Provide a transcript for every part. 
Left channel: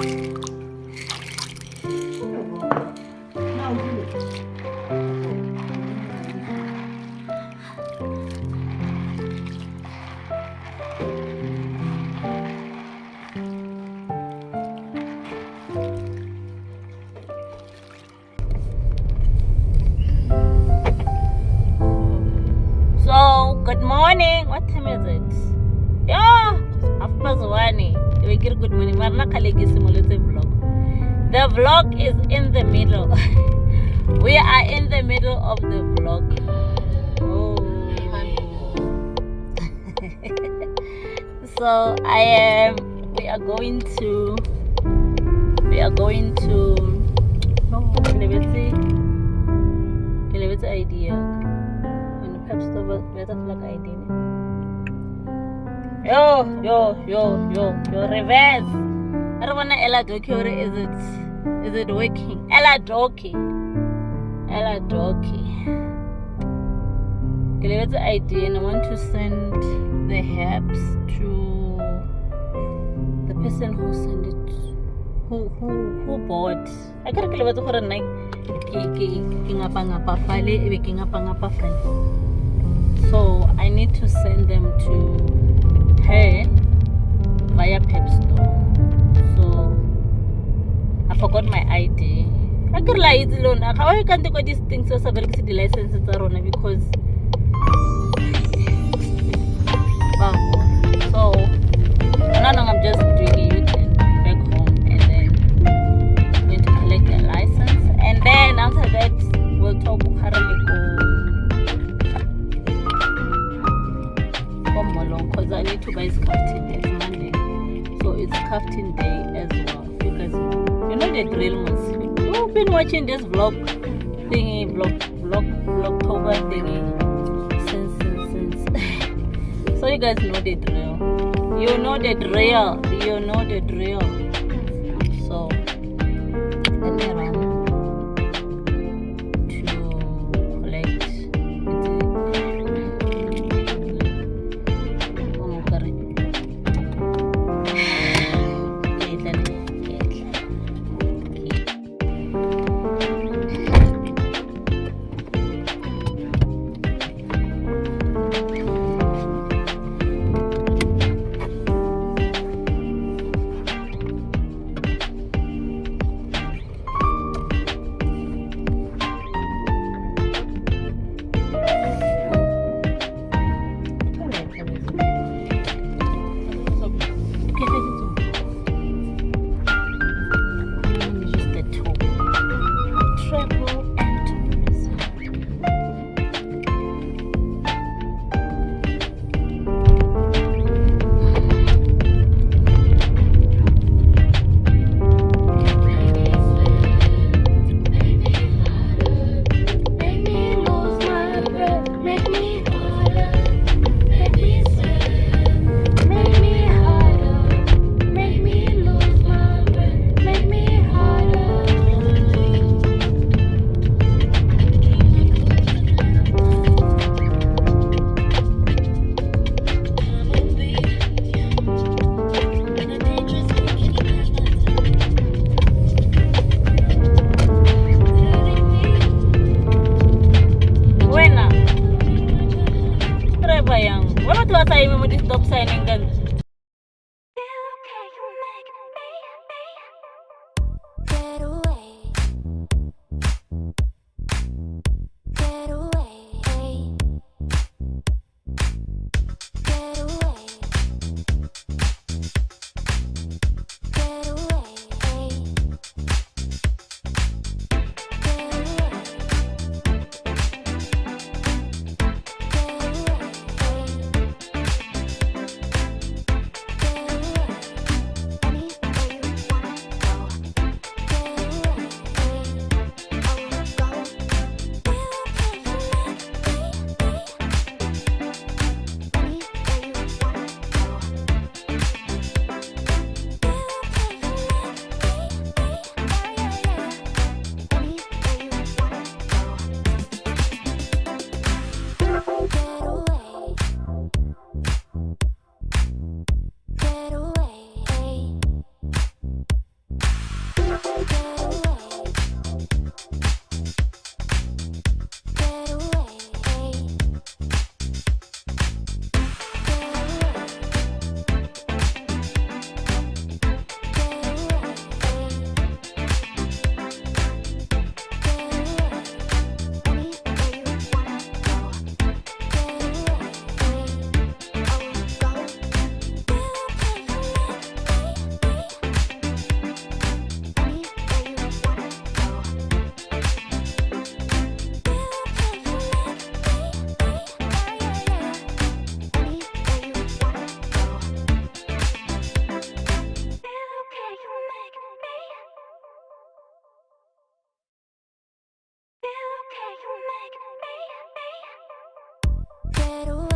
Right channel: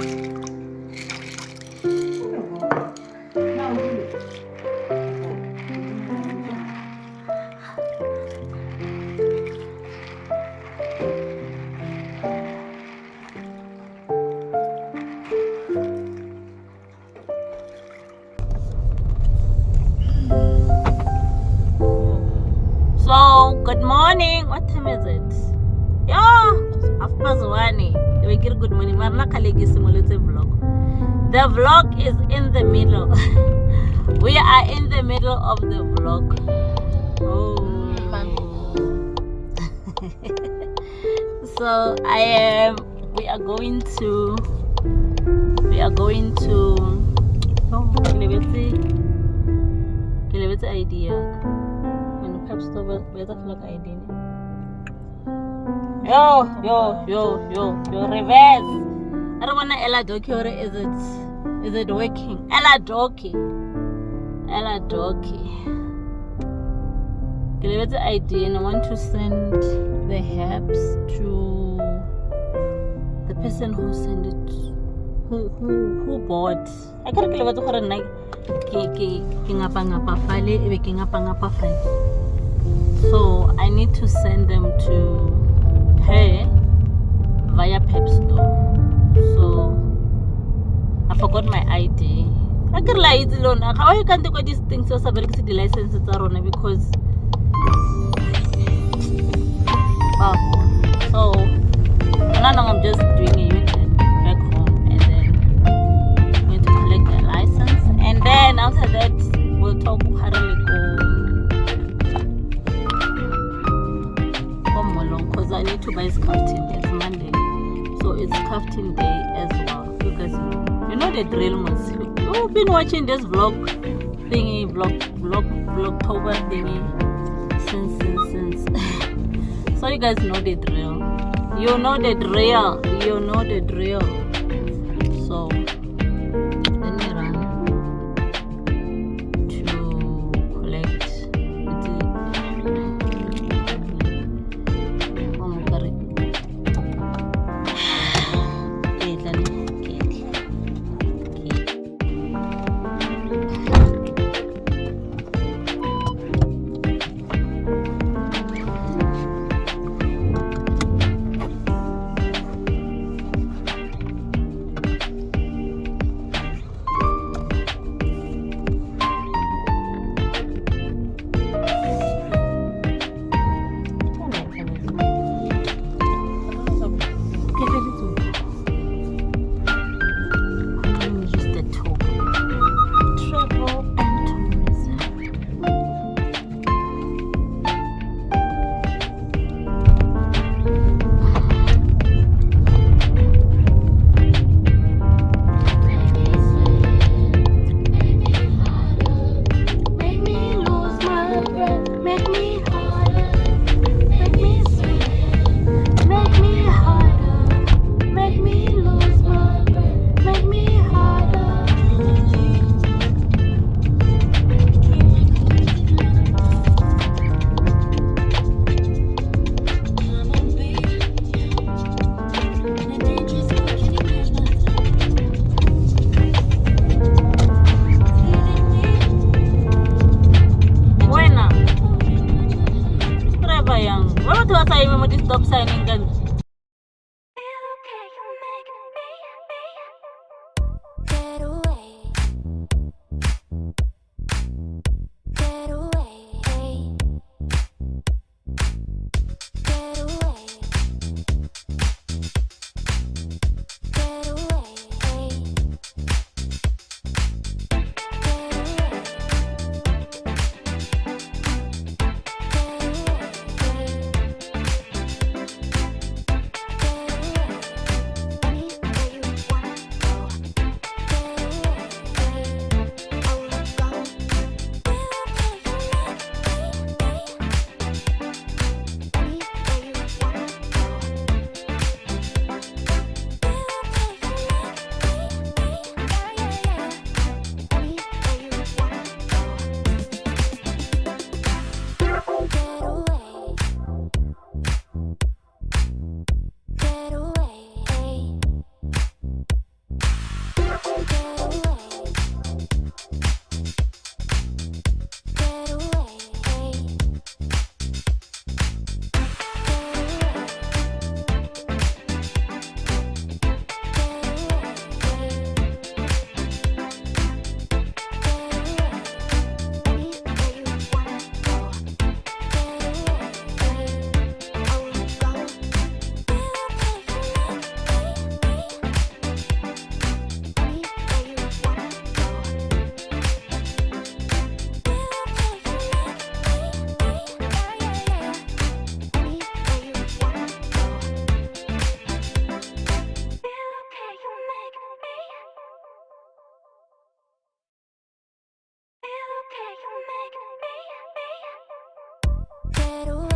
Good morning. What time is it? Yeah, 1:30. We get good morning. The vlog is in the middle. We are in the middle of the vlog. Oh. So we are going to oh, Kilebetse idea. When perhaps the better like idea. Yo, reverse. I don't wanna Ella Doki, or is it working? Ella Doki. Kilebetse idea, and I want to send the herbs to the person who sent it, who bought. I can't kill about her night. So I need to send them to her via Pep Store. So I forgot my ID. I can't lie it alone. How I can't take these things so the licenses are on because so now I'm just doing a weekend back home and then going to collect their license, and then after that we'll talk because I need to buy scarfing day. It's Monday, so it's scarfing day as well. Because you know the drill, most you've been watching this Vlogtober thingy since. So you guys know the drill. You know the drill. So let me run to collect stop signing gun. Light on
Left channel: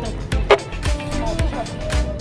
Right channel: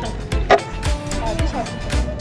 shop. This one.